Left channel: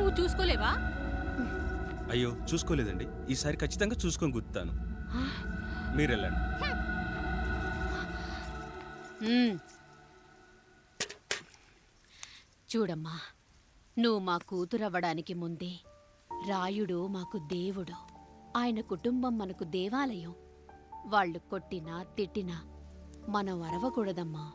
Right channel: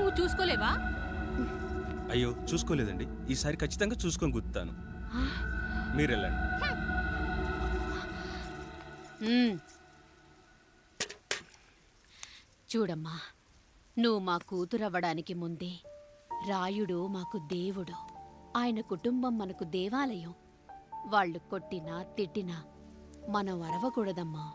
నువ్వు చూసుకోలేవా? అయ్యో చూసుకోలేదండి, ఈసారి ఖచ్చితంగా చూసుకొని గుర్తాను. మీరెళ్ళండి. చూడమ్మా, నువ్వు మా కూతురవ్వడానికి ముందే రాయుడు మాకు దేవుడు, ఆయన కుటుంబం మనకు దేవాలయం. వాళ్ళు కొట్టినా తిట్టినా మనం అరవకూడదమ్మా.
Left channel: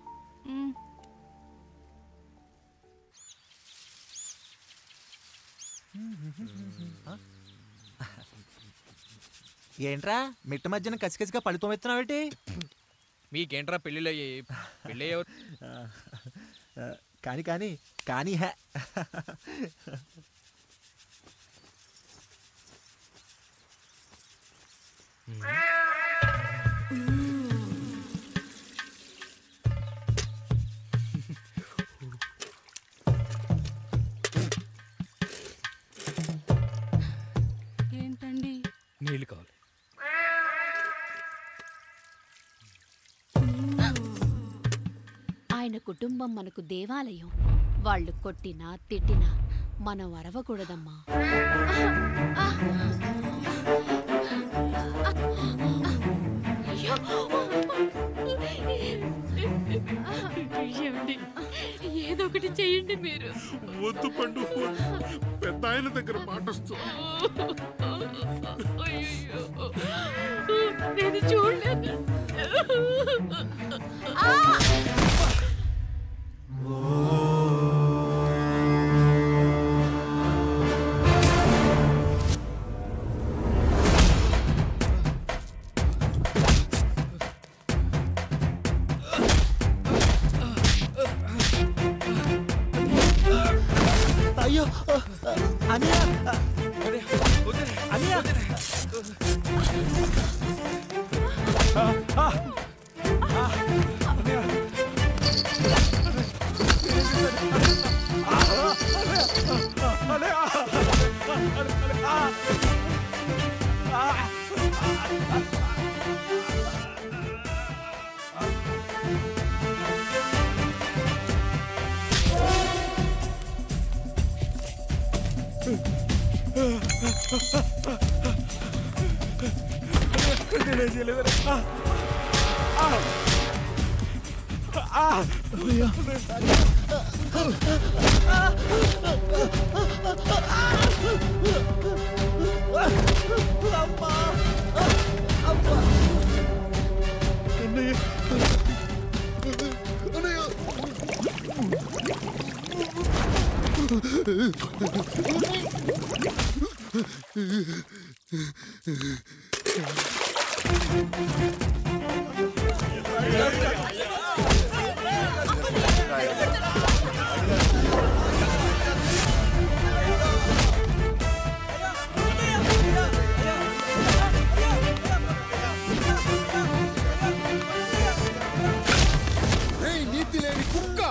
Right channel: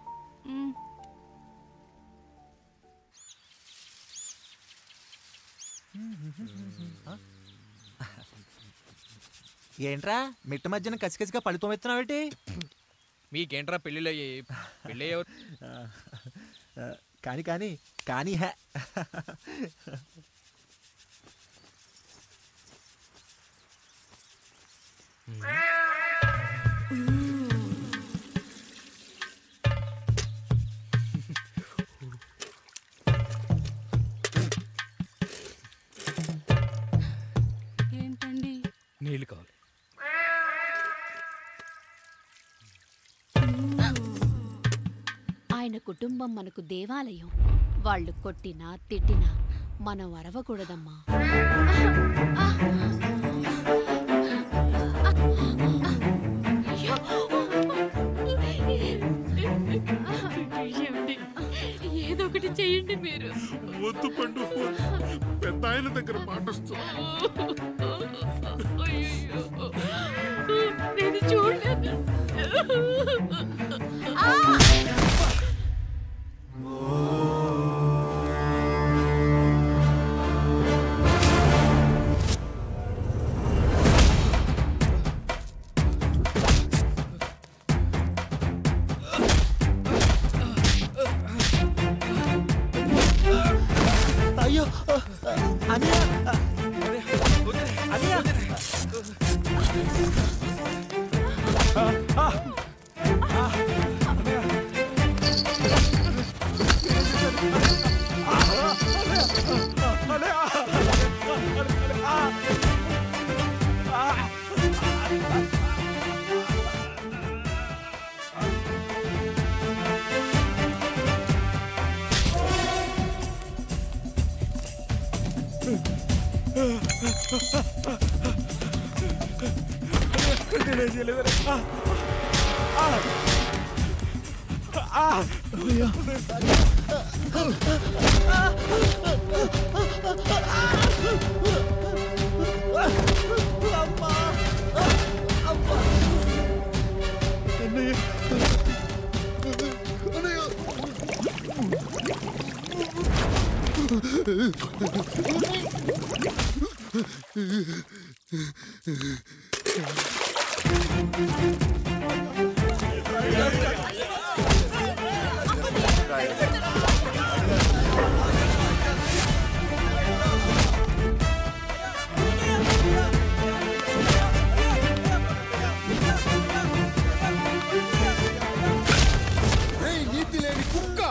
ఏంట్రా మిట్ట మధ్యన కసికసిగా పడిపోమెత్తున్నావేటి? మీకేంట్రా పెళ్ళిళ్ళయ్యి? పెళ్ళి కానీ కానీ కానీ హే ఏంటండి? నీళ్ళు కావాలి. ఆయన కుటుంబం మనకు దేవాలయం. వాళ్ళు కొట్టినా తిట్టినా మనం అరవకూడదమ్మా. ఏదో ఒకటి చెయ్యండి మీరు. వద్దు పండు, పెద్ద ఆయన దగ్గర మాటొస్తూ. నేను చూడలేదు. అయ్యో అనియా అనియా నీతి లేని కుక్క,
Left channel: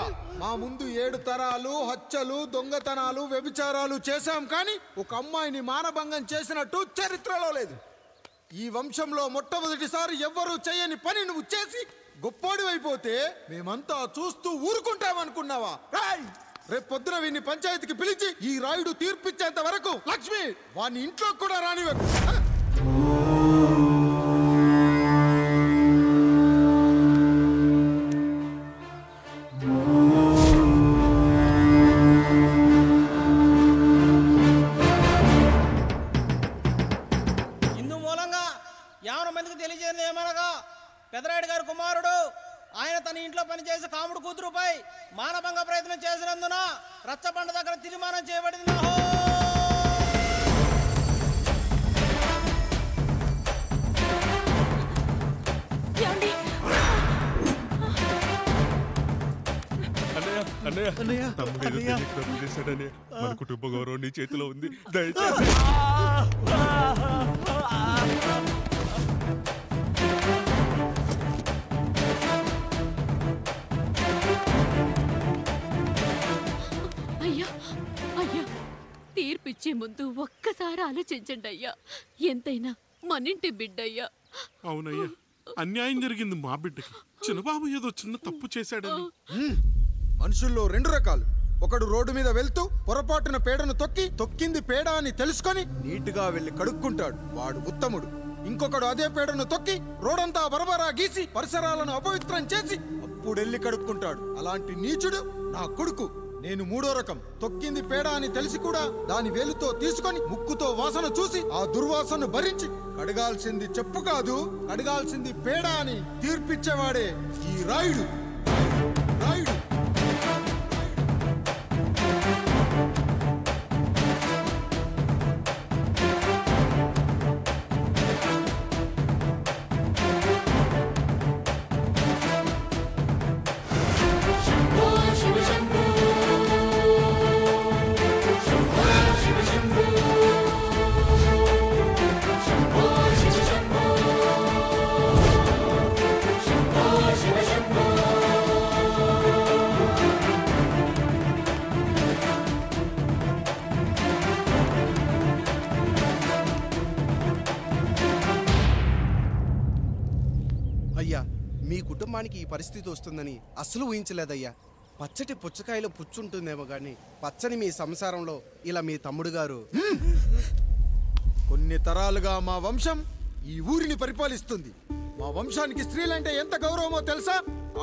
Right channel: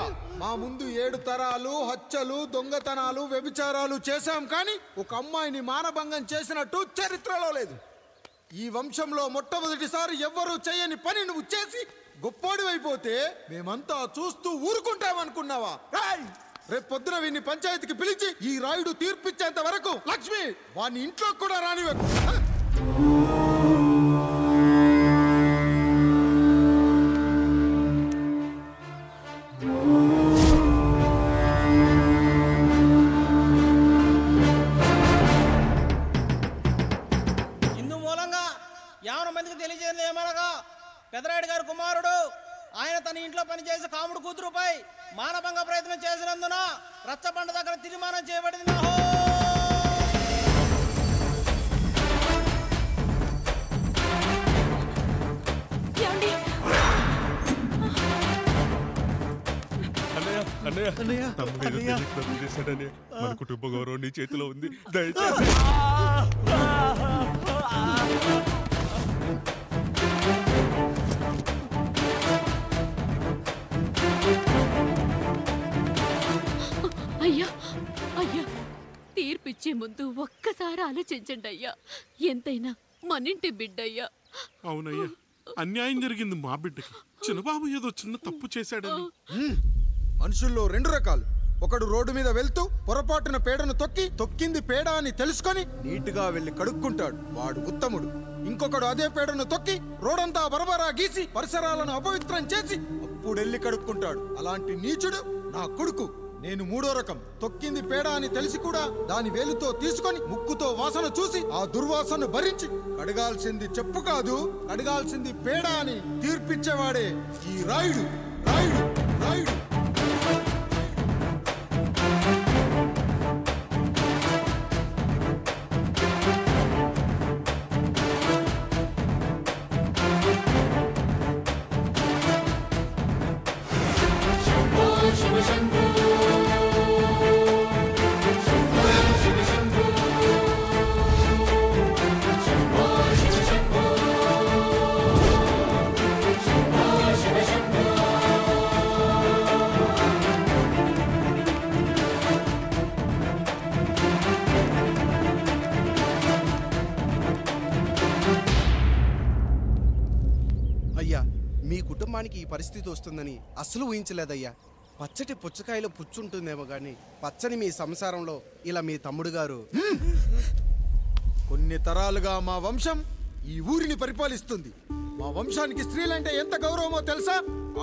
మా ముందు 7 తరాలు హత్యలు, దొంగతనాలు, వ్యభిచారాలు చేశాం, కానీ ఒక అమ్మాయిని మానభంగం చేసినట్టు చరిత్రలో లేదు. ఈ వంశంలో మొట్టమొదటిసారి ఎవ్వరూ చేయని పని నువ్వు చేసి గొప్పోడివైపోతే మేమంతా చూస్తూ ఊరుకుంటామనుకున్నావా? రేపు పొద్దున వీడిని పంచాయతీకి పిలిచి ఈ రాయుడు తీర్పిచ్చేంత వరకు లక్ష్మి వాడిని ఇంట్లో కూడా రానివ్వకు. ఇందు మూలంగా 50 మందికి తెలియజేయడం ఏమనగా, పెదరాయుడు గారు కుమారుడు ఆయన తన ఇంట్లో పనిచేసే కాముడు కూతురుపై మానభంగ ప్రయత్నం చేసినందున రచ్చబండ దగ్గర తీర్మానం చేయబడింది. తప్పు చేశాడని మన కుటుంబ గౌరవం నీ చేతిలో ఉంది, దయచేసి. అయ్యా అయ్యా, తీర్పిచ్చే ముందు ఒక్కసారి ఆలోచించండి అయ్యా. ఎంతైనా మనింటి బిడ్డయ్యా. అవునయ్యా, అన్యాయం జరిగింది మా బిడ్డకి. చిన్నబాబు ఏదో చిన్న తప్పు చేశాడని. మనుషుల్లో 2 రకాలు, ఒకడు రోడ్డు మీద వెళ్తూ పొరపాటున పేడను తొక్కింది పేడ అని తెలుసుకొని నీటుగా వెళ్లి కడుక్కుంటాడు, వాడు ఉత్తముడు. ఇంకొకడు అదే పేడను తొక్కి రోడంతా బరబరా గీసి పరిసరాలను అపవిత్రం చేసి అప్పుడెళ్ళి కడుక్కుంటాడు. అలాంటి నీచుడు నా కొడుకు. నేను మూడో రకం. తొక్కింది పేడ అని తెలిసి కూడా దాని వేలుతో తీసుకొని ముక్కుతో వాసన చూసి ఆ దుర్వాసనను భరించి కడగాల్సింది చెప్పు కాదు, కడగాల్సింది పేడ అని తీర్పిచ్చేవాడే ఈ రాయుడు. అయ్యా, మీ కుటుంబానికి ఈ పరిస్థితి వస్తుందని అస్సలు ఊహించలేదయ్యా. పచ్చటి పుచ్చకాయలో పుచ్చుంటుందేమో గాని పచ్చని మీ సంసారంలో ఇలా మీ తమ్ముడు గారు. కొన్ని తరాలుగా మా వంశం ఈ ఊరిని పరిపాలిస్తుంది. మా వంశానికి స్త్రీలంటే ఎంత గౌరవమో తెలుసా?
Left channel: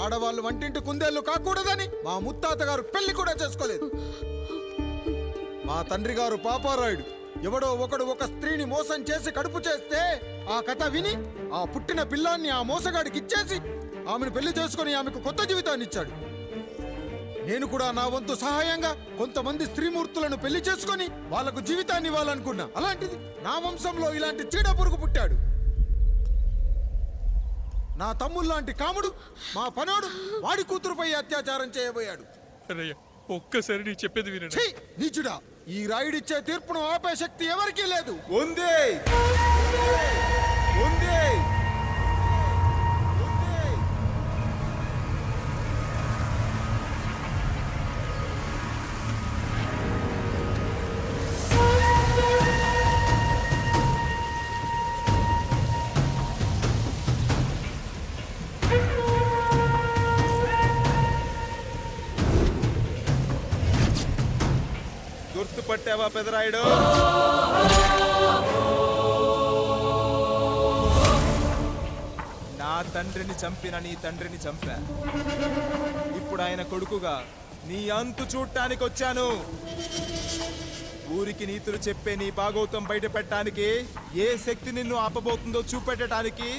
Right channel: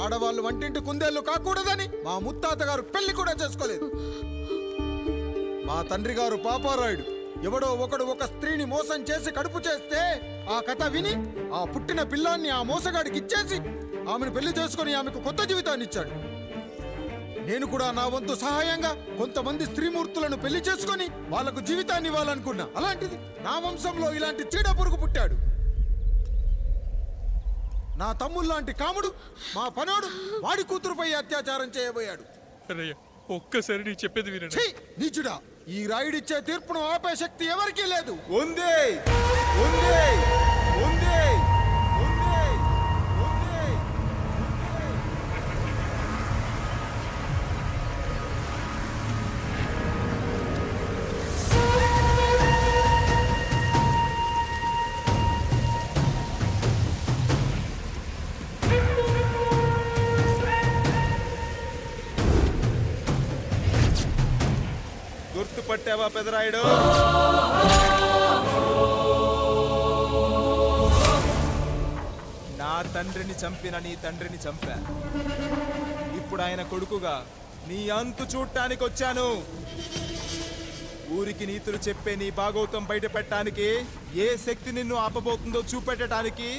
ఆడవాళ్ళు వంటింటి కుందేళ్లు కాకూడదని మా ముత్తాత గారు పెళ్లి కూడా చేసుకోలేదు. మా తండ్రి గారు పాపారాయుడు ఎవడో ఒకడు ఒక స్త్రీని మోసం చేసి కడుపు చేస్తే ఆ కథ విని ఆ పుట్టిన పిల్లాన్ని ఆ మోసగాడికి ఇచ్చేసి ఆమెను పెళ్లి చేసుకుని ఆమెకు కొత్త జీవితాన్ని ఇచ్చాడు. నేను కూడా నా వంతు సహాయంగా కొంతమంది స్త్రీమూర్తులను పెళ్లి చేసుకుని వాళ్లకు జీవితాన్ని ఇవ్వాలనుకున్నా. అలాంటిది నా వంశంలో ఇలాంటి చీడ పురుగు పుట్టాడు. నా తమ్ముళ్లాంటి కాముడు మా పనోడు వాడి కూతురుపై అత్యాచారం చేయబోయాడు. ఒక్కసారి నీ చెప్పేది వినండి. ఛీ, నీచుడా! ఈ రాయుడిచ్చే తీర్పును ఆపే శక్తి ఎవరికీ లేదు. గుర్తుపట్టావా పెదరాయుడు? నా తండ్రిని చంపిన నీ తండ్రిని చంపా. ఇప్పుడు ఆయన కొడుకుగా నీ అంతు చూడటానికి వచ్చాను. ఊరికి నీతులు చెప్పే నీ భాగవతం బయట పెట్టడానికి ఏ శక్తి నిన్ను ఆపబోతుందో చూపెట్టడానికి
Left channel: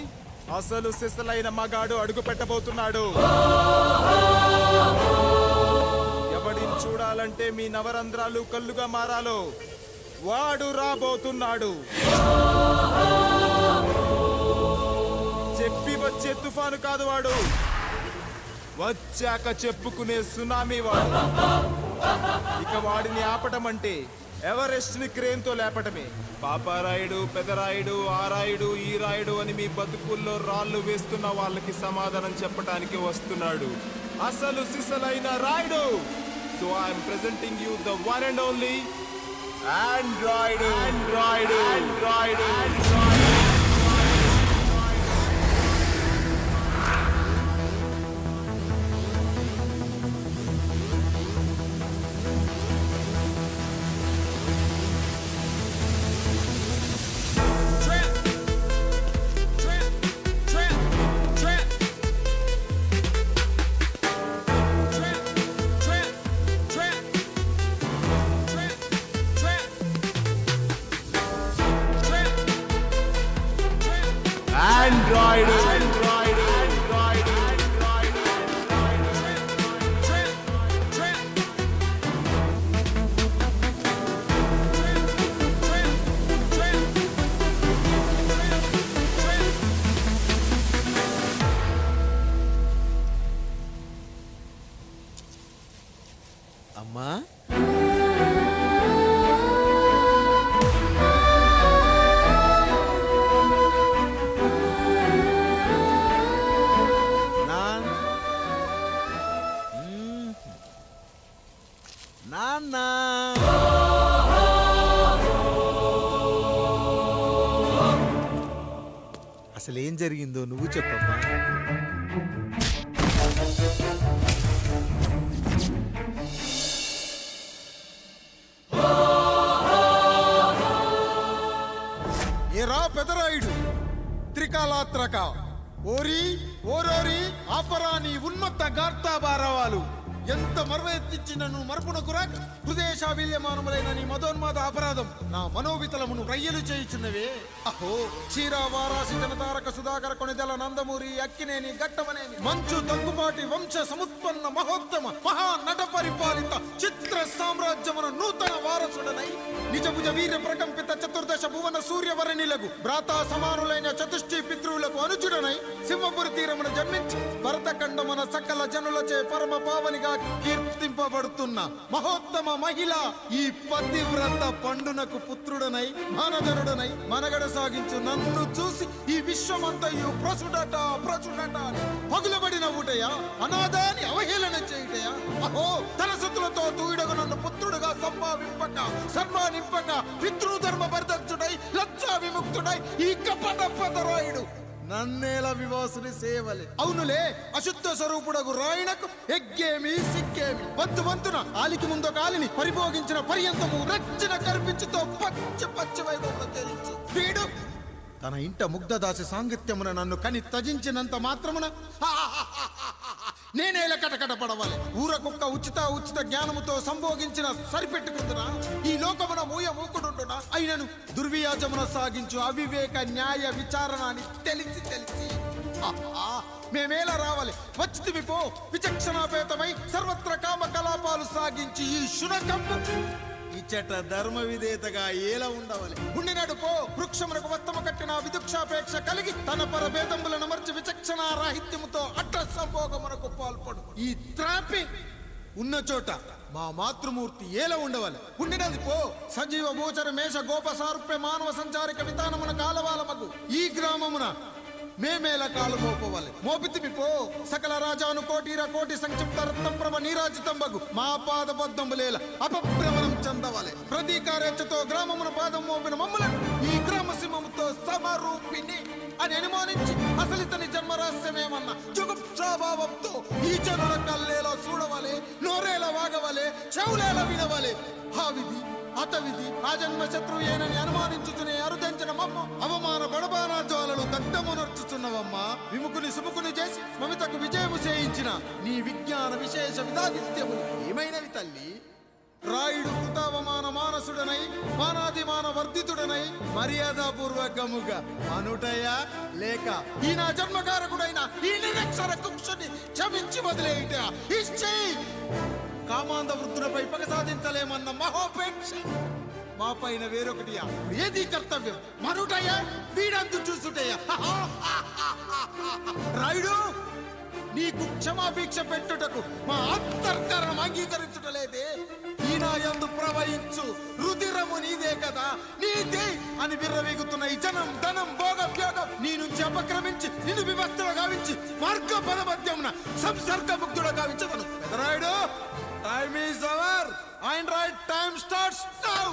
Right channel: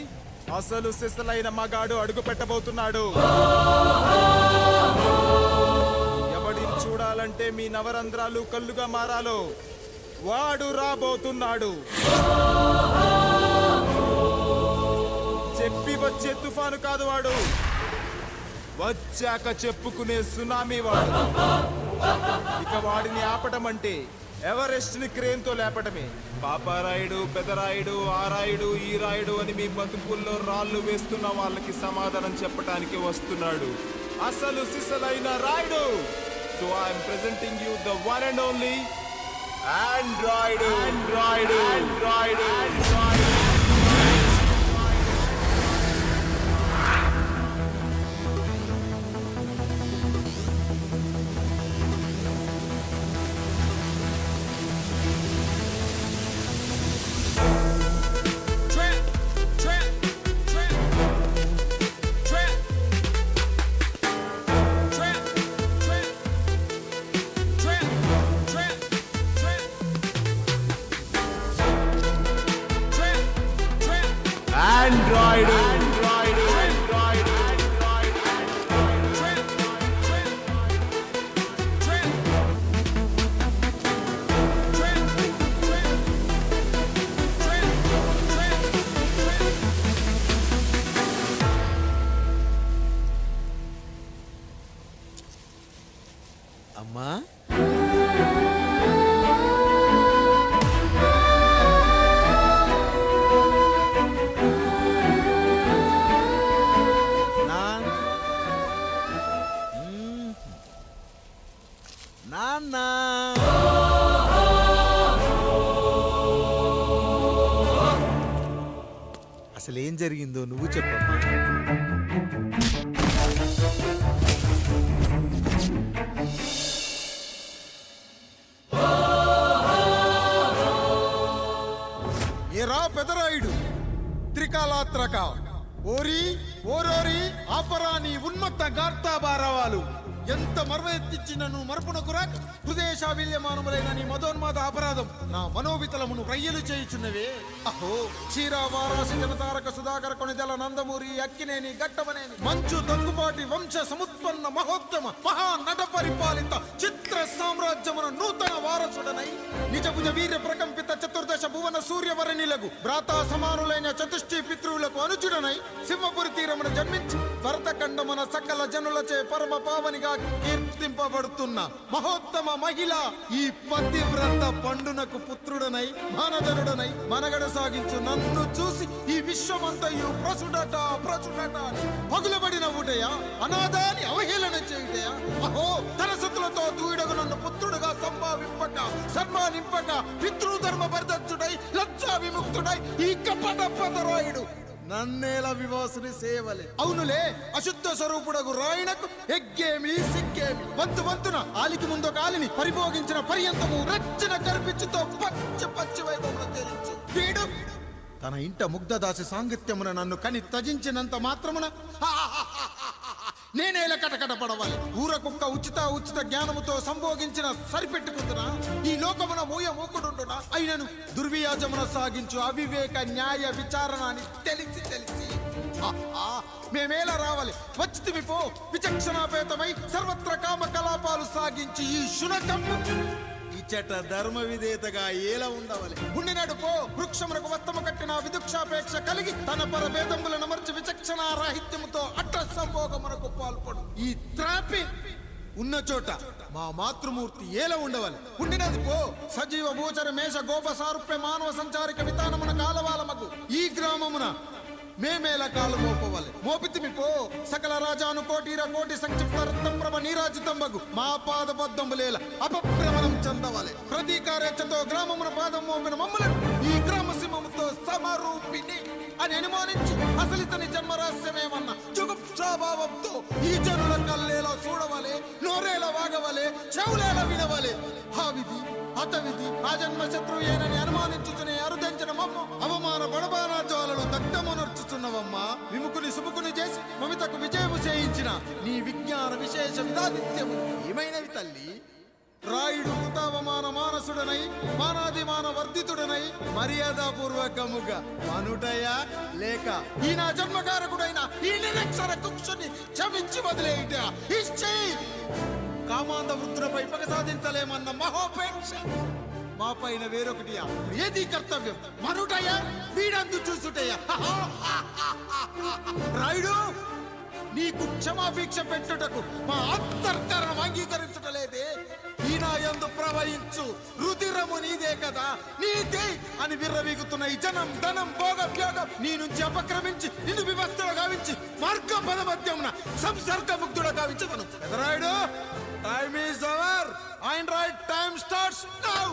అసలు సిసలైన మగాడు అడుగు పెట్టబోతున్నాడు. ఎవడిని చూడాలంటే మీ నవరంధ్రాలు కళ్ళుగా మారాలో వాడు రాబోతున్నాడు. చెప్పి వచ్చే తుఫాను కాదు వాడు, వచ్చాక చెప్పుకునే సునామీ వాడు. ఇక వాడిని ఆపటం అంటే ఎవరెస్ట్ ని క్రేన్ తో లేపటమే. పాపారాయుడు, పెదరాయుడు, ఆ రాయుడు, ఈ రాయుడు అని మీ బతుకుల్లో రాళ్లు వేస్తున్న వాళ్ళకి సమాధానం చెప్పటానికి వస్తున్నాడు అసలు సిసలైన Rayudu. So I am presenting you the one and only Android. అమ్మా, నాన్న, అసలేం జరిగిందో నువ్వు చెప్పమ్మా. ఎరా పెదరాయుడు త్రికాలాత్రక ఓరి ఓరోరి ఆపరా నీ ఉన్మత్త గార్తాబారవాలు ఎంత మర్వెత్తించినను మరపునకు రాక హృదయశావిల్యమానములైన నీ మదోన్మాద అపరాధం నా మనోవితలమును రయ్యలు చేయుచున్నవే. అహో క్షీర వారాసి జనతారక సుధాకర కొనిదెల నందమూరి అక్కినేని గట్టవనేని మంచు దగ్గుపాటి వంశ సముత్పన్న మహోత్తమ మహా నట పరిపాలిత చిత్ర సామ్రాజ్యమున నూతన వారసుడనై నిజభుజ వీర్య ప్రకంపిత చతుర్దశ భువన సూర్యవరణిలకు భ్రాతా సమానులైన చతుష్టి పితృవులకు అనుజుడనై సింహపురి తీరమున జన్మించి భరతఖండమున సకల జనులచే పరమ పావనిగా కీర్తింపబడుతున్న మహోత్తమ మహిళ ఈ పతివ్రత పండునకు పుత్రుడనై మానధనుడనై మనగడ సాగించు నన్ను చూసి ఈ విశ్వమంతయు ప్రసుడట అని పగులబడిన ఊటయా అనాథాన్ని అవహేళన చేయుటయా. అహో తన సతులతో తూయిడగు నన్ను పుత్రుడుగా సంభావింపక సన్మానింపక పితృధర్మ పరిదక్షుడై లజ్జా విముక్తుడై ఈ కపట పదరాయుడు నన్నేల వివాసుని సేవలే. అవునులే అశుద్ధ స్వరూపుడగు రాయణకు ఎగ్గేమి సిగ్గేమి వంతు వంతున ఆలికి ముందు కాలిని పరిభోగించిన పర్యంతము రచ్చన కర్పించుతో పచ్చి వైభవంలో తేలించు. వీడు తన ఇంట ముగ్ధదాసి సాంగత్యమున నన్ను కని త్యజించినంత మాత్రమున నేనేల కటకట పడవాలి. ఊర కుక్క ఉచిత జ్ఞానముతో సంభోగించిన సరిపెట్టుకుందునా ఈ లోకమున మూయమూకుడుండునా అయినను దుర్వ్యాజమున సాగించు అవివేక న్యాయ విచారణ అని తెలిసి మేమేలా రావాలి వచ్చితిమి పో. విచక్షణాపేతమై సర్వత్ర కామ కలాపాలు సాగించి ఈ శునకమ్ము ఇచ్చట ధర్మ విధేతగా ఏలా ఉండవాలి. ఉండినాడు పో. వృక్షమునకు వత్తము కట్టిన విదుక్షాపేక్ష కలిగి తన పరభేదములను మర్చి విచక్షణ రాహిత్యముతో అట్ట సంభోగమునకు పాల్పడు. ఈ త్రాపి ఉన్న చోట మా మాతృమూర్తి ఏలా ఉండవాలి. ఉండినది పో. సజీవ భూచర మేష గోప సారూప్య మానవ సంచారిక విధానమున కాలవాలమగు ఈ గ్రామమున మేమేల కాలు మోపవాలి. మోపితిమి పో. సకల రాజాను కోటి సంక్షిప్త రత్నప్రభ నీరాజితంబగు మా పాదబద్ధములేల అపభ్రమణం చెందవాలి. ప్రతీకారేచ్ఛతో గ్రామమున పాదం మోపిన మమ్మలను ఈ గ్రామ సింహముతో సమరూపిణి అని అనుమానించి అసలితని జన్మరహస్యమేమన్న జుగుప్సాభావంతో ఈ జనుల కల్లేలా చూడవాలి, నోరేలా వాగవాలి, చెవులేలా వినవాలి. ఆ విధి హతవిధి ఆ జన్మ శత్రువు ఏనని అనుమానించుచునే అరుదించిన మమ్మ అవమాన బడబానా జ్వాలలు దగ్ధమునర్చుచున్నవమ్మా. విముకుని సుముకుని చేసి మమితకు విజయము చేయించిన నీ విజ్ఞాన విశేష విధాదిత్యములు ఏమైనవి తల్లి. రాయుడు కృతావమాన మానసుడనై మానాదిమాన వర్ధితుడనై మర్యాదాపూర్వకముగా మనుటయా లేక ఈ నా జన్మకారకుడైన ఈ నిరక్షర కుక్షుని క్షమించి వదిలేయుట ఇష్టి కామాంధ వృద్ధులపై పగ సాధించలేమన్న మహోపేక్ష మా పైన వేరొకటియా. ఇప్పుడు ఏది కర్తవ్యం మనుటయా వీడంతు చూసుటయా. రాయుడు నీకు క్షమాభిక్ష పెట్టుటకు మా అంతర్కరణం అంగీకరించుటలేదే. ఈనాయందు ప్రవహించు రుధిరము నీదే కదా. నీదే అని విర్రవీగుతున్న ఈ జనం ధనం భోగం నీ నుంచి అపక్రమించి నిన్ను వివస్థలో గావించి మార్గ పదమధ్యమున సంసర్గ ముక్తుడు గావించదను. Pedarayudu time is our and right time starts now.